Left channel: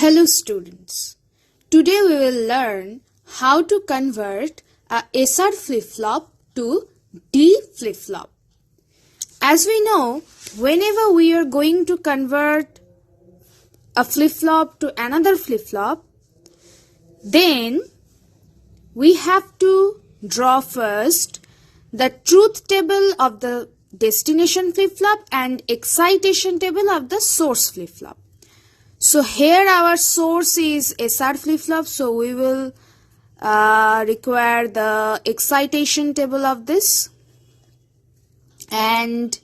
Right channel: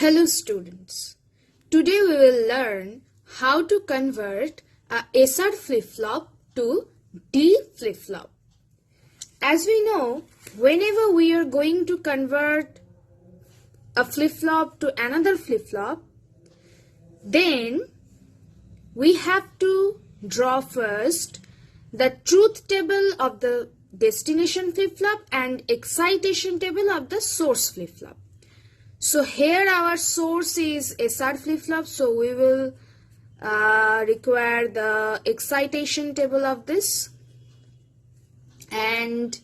Hello students, today we will learn how to convert a SR flip-flop to D flip-flop. As we know, whenever we are going to convert a flip-flop to another flip-flop, then we have to draw first the truth table of the destination flip-flop and excitation table of the source flip-flop. So here our source is SR flip-flop, so we will require the excitation table of this, and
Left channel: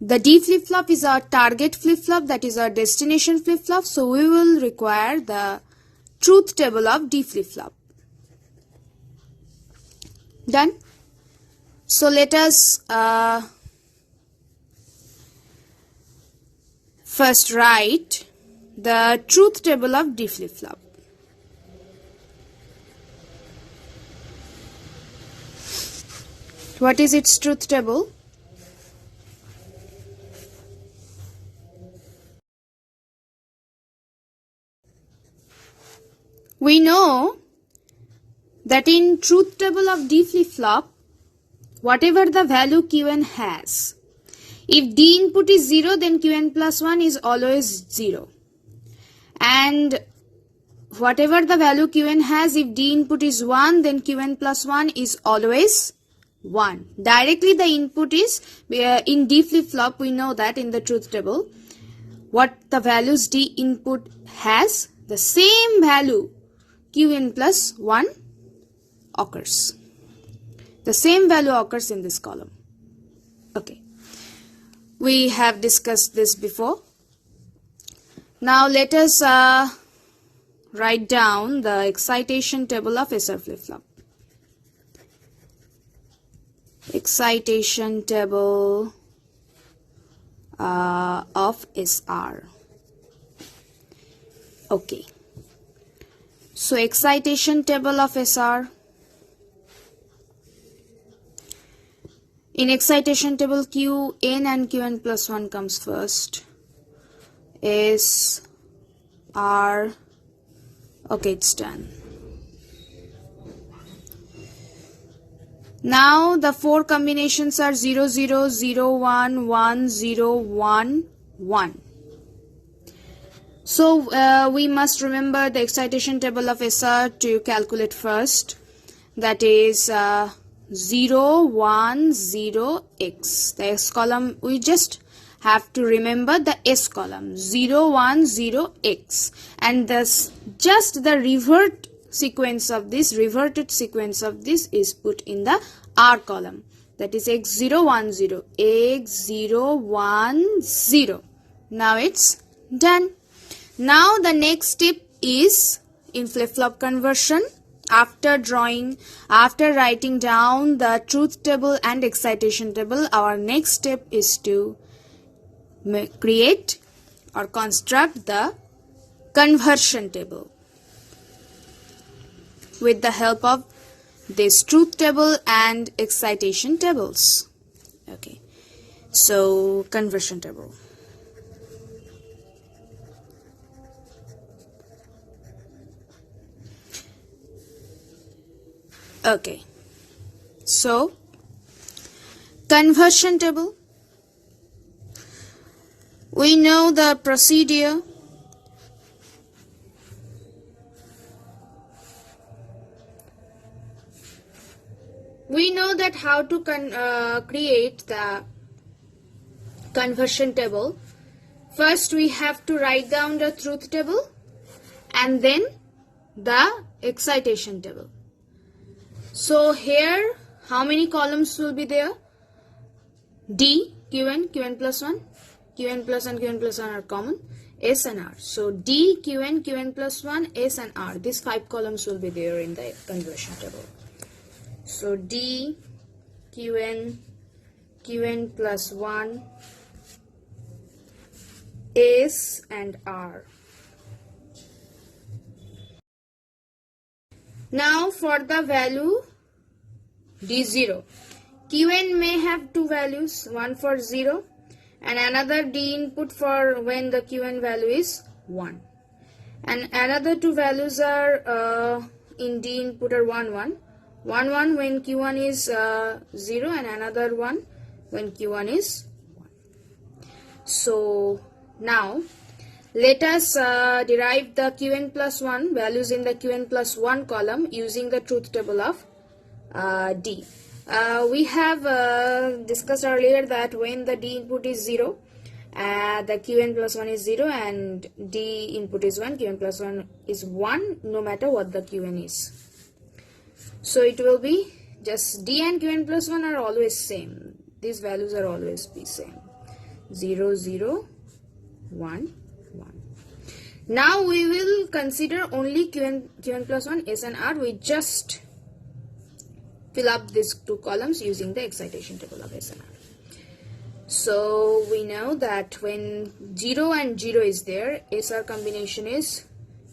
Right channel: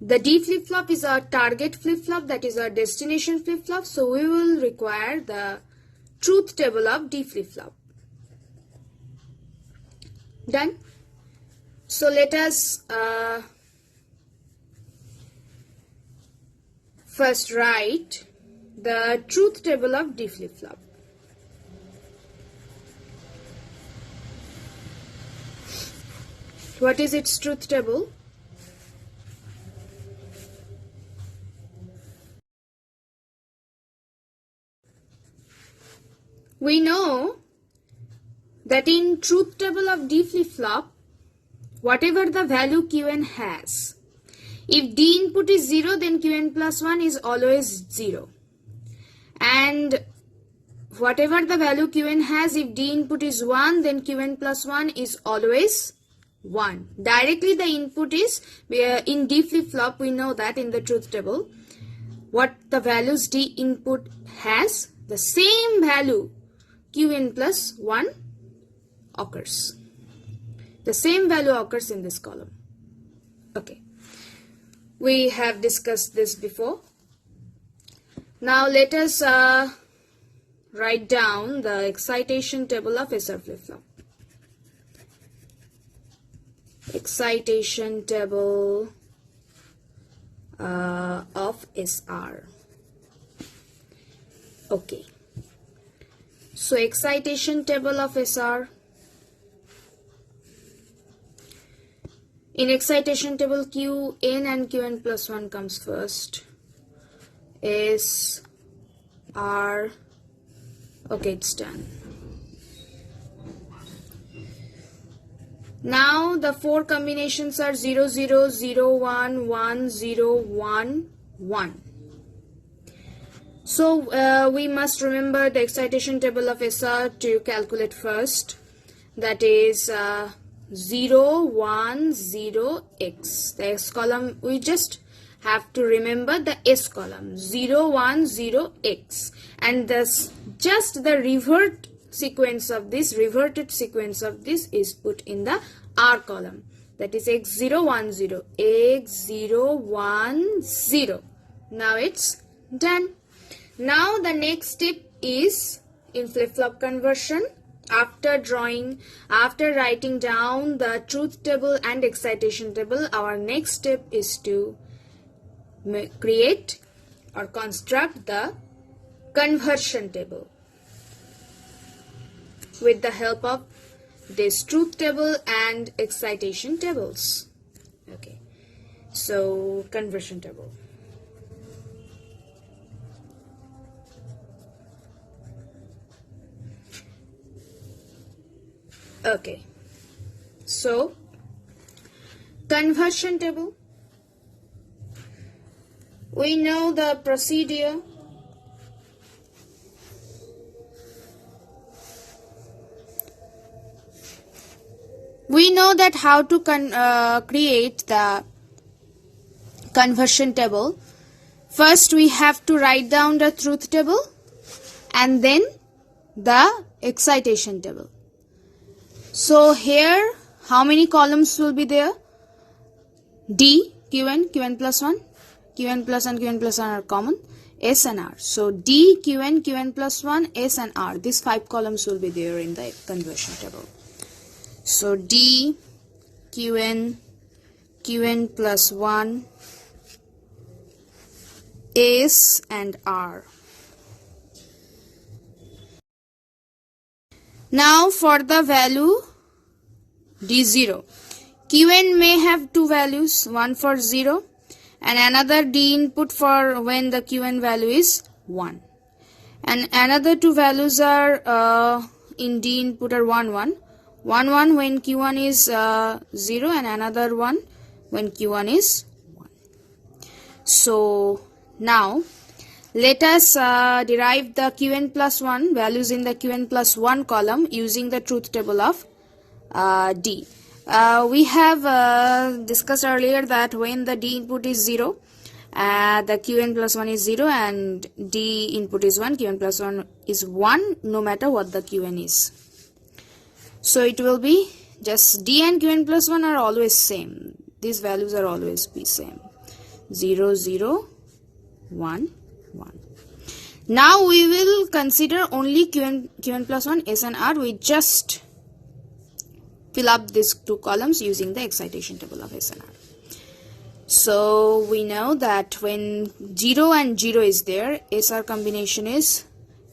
the D flip-flop is our target flip-flop, that is our destination flip-flop, so we will require the truth table of D flip-flop. Done? So let us first write the truth table of D flip-flop. What is its truth table? We know that in truth table of D flip-flop, whatever the value Qn has, if D input is 0, then Qn plus 1 is always 0. And whatever the value Qn has, if D input is 1, then Qn plus 1 is always 1. Directly the input is, in D flip-flop, we know that in the truth table, what the values D input has, the same value Qn plus 1 occurs. The same value occurs in this column. Okay. We have discussed this before. Now let us write down the excitation table of SR flip-flop. Excitation table of SR. Okay. So excitation table of SR. In excitation table, Qn and Qn plus 1 comes first. S, R, okay, it's done. Now the four combinations are 0, 0, 0, 1, 1, 0, 1, 1. So we must remember the excitation table of SR to calculate first. That is 0, 1, 0, X. The X column, we just have to remember the S column, 0, 1, 0, X. And thus just the reverted sequence of this is put in the R column. That is X 0, 1, 0, X 0, 1, 0. Now it's done. Now the next step is in flip-flop conversion. After writing down the truth table and excitation table, our next step is to create or construct the conversion table with the help of this truth table and excitation tables. Okay, so conversion table. Okay, so conversion table, we know the procedure. We know that how to create the conversion table. First we have to write down the truth table and then the excitation table. So here, how many columns will be there? D, Qn, Qn plus 1, Qn plus and Qn plus 1 are common, S and R. So D, Qn, Qn plus 1, S and R. These 5 columns will be there in the conversion table. So D, Qn, Qn plus 1, S and R. Now for the value D0, Qn may have two values, one for 0 and another D input for when the Qn value is 1. And another two values are in D input are 1 1. 1 1 when Q1 is 0 and another one when Q1 is 1. So now let us derive the Qn plus 1 values in the Qn plus 1 column using the truth table of D. We have discussed earlier that when the D input is 0, the Qn plus 1 is 0 and D input is 1, Qn plus 1 is 1 no matter what the Qn is. So it will be just D and Qn plus 1 are always same. These values are always be same. 0 0 1 1. Now we will consider only Qn plus 1 S and R. We just fill up these two columns using the excitation table of S and R. So we know that when 0 and 0 is there, SR combination is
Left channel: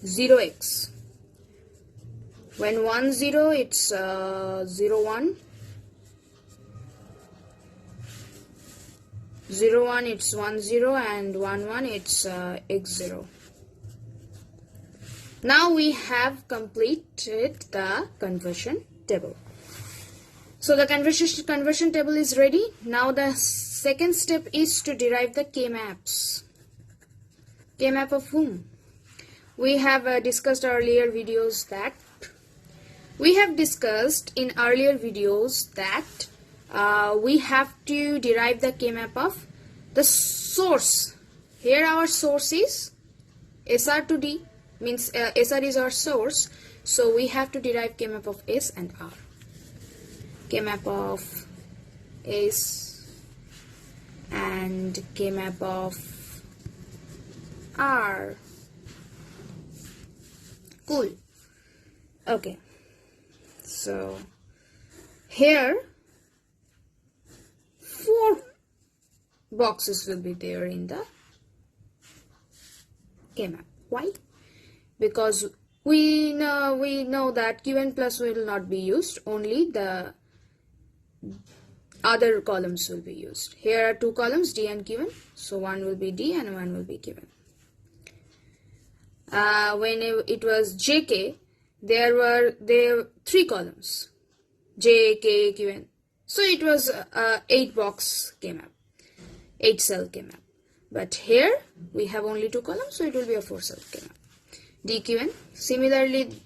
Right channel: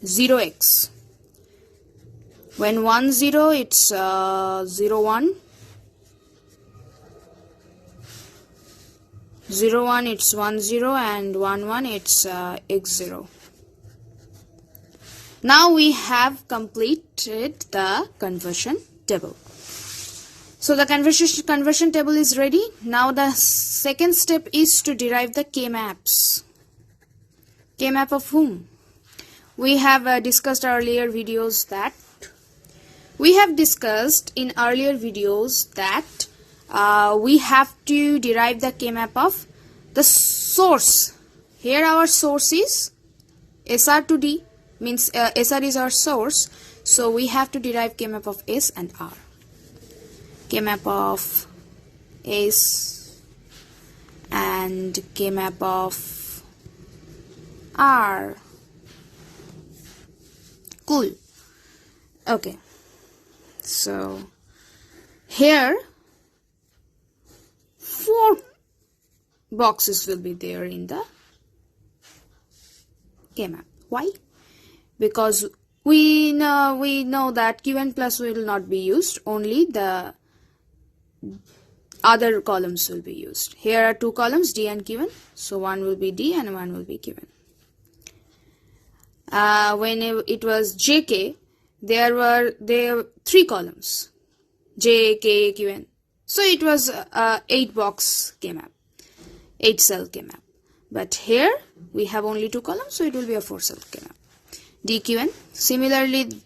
0x. When 1 0, it's 0 1. 0 1, it's 1 0, and 1 1, it's x 0. Now we have completed the conversion table. So the conversion table is ready. Now the second step is to derive the K-maps. K-map of whom? We have discussed earlier videos that we have we have to derive the K-map of the source. Here our source is SR to D, means SR is our source. So we have to derive K-map of S and R. K-map of S and K-map of R. Cool. Okay. So here 4 boxes will be there in the K-map. Why? Because we know that Qn plus will not be used, only the other columns will be used. Here are 2 columns, D and Qn, so one will be D and one will be Qn. When it was JK, there were 3 columns, J, K, Qn. So it was 8 box K-map, 8 cell K-map. But here we have only 2 columns, so it will be a 4 cell K-map. D, Qn. Similarly,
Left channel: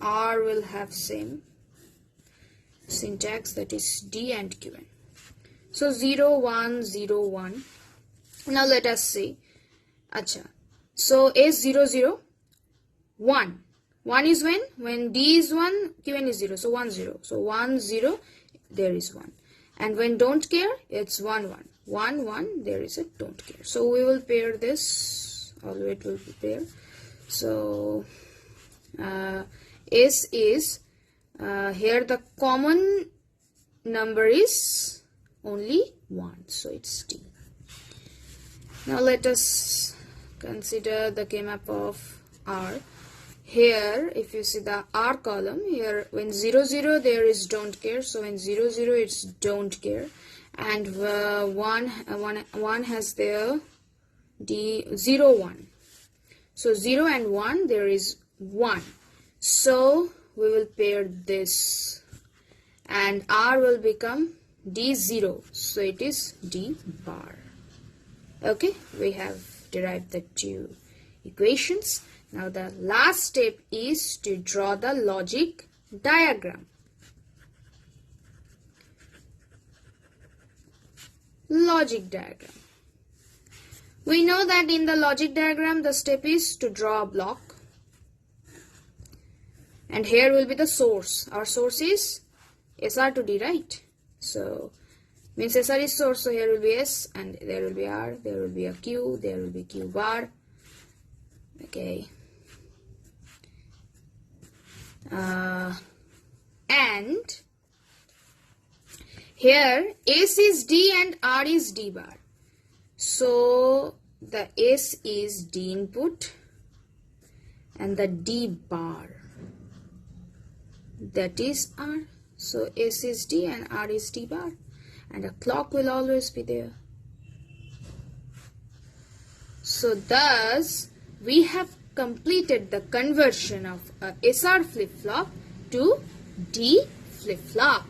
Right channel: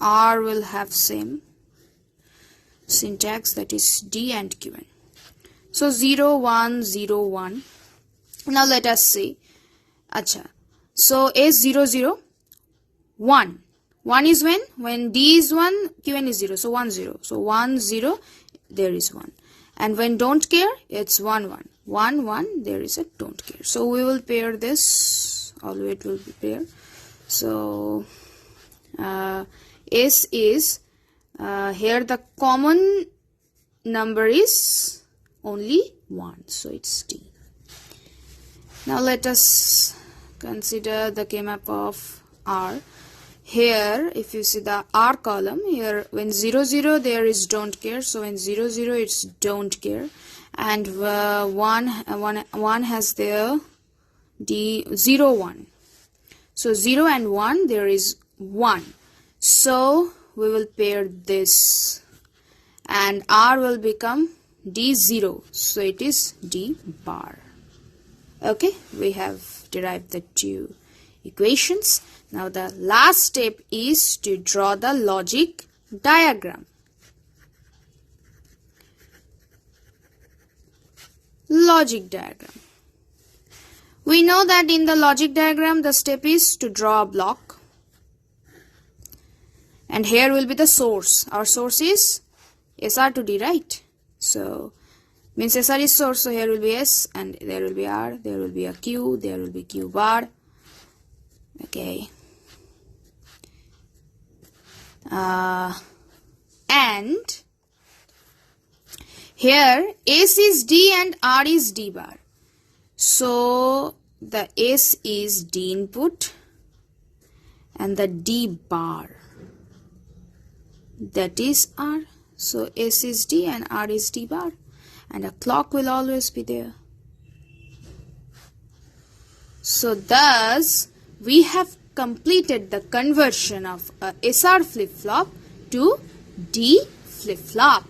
R will have same syntax, that is D and Qn. So 0 1 0 1. Now let us see. Acha. So S 0 0 1. 1 is when D is 1, Qn is 0. So 1 0. So 1 0, there is 1. And when don't care, it's 1 1. 1 1, there is a don't care. So we will pair this, although it will be pair. So S is here the common number is only 1, so it's D. Now let us consider the K-map of R. Here if you see the R column, here when 0 0 there is don't care, so in 0 0 it's don't care, and 1 has there D 0 1. So 0 and 1 there is 1. So we will pair this and R will become D0. So it is D bar. Okay, we have derived the 2 equations. Now the last step is to draw the logic diagram. Logic diagram. We know that in the logic diagram the step is to draw a block. And here will be the source. Our source is SR to D, right? So means SR is source, so here will be S and there will be R, there will be a Q, there will be Q bar. Okay. And here S is D and R is D bar. So the S is D input and the D bar, that is R. So S is D and R is D bar, and a clock will always be there. So thus we have completed the conversion of a SR flip-flop to D flip-flop.